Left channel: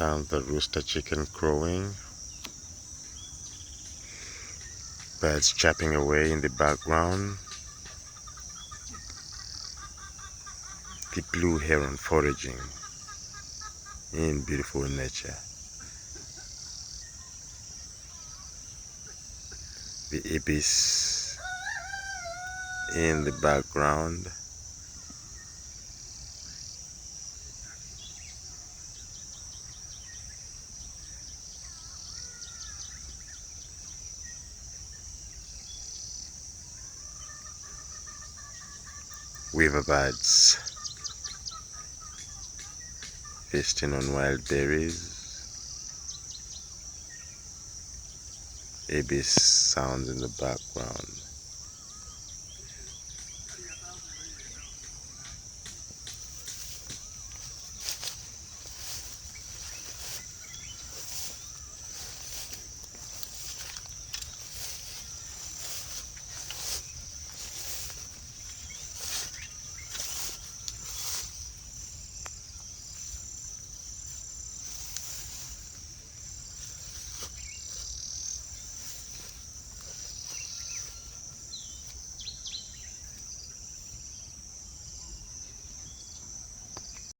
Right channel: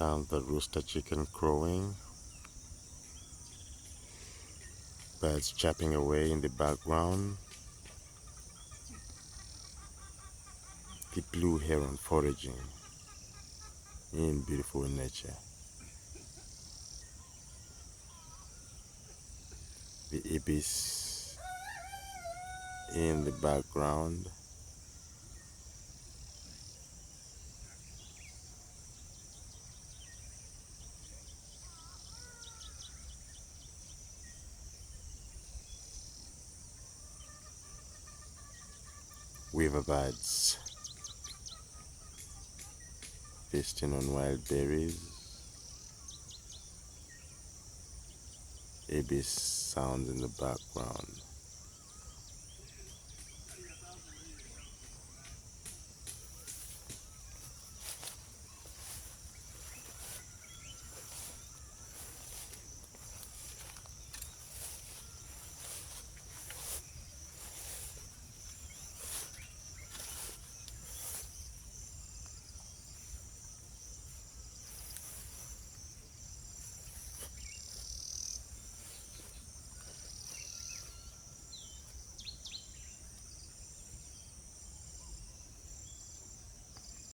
Sound the rooster chicken crowing, birds chirping away in the background, the blue heron foraging in beautiful nature, the ibis in the background, weaver birds feasting on wild berries, ibis sounds in the background.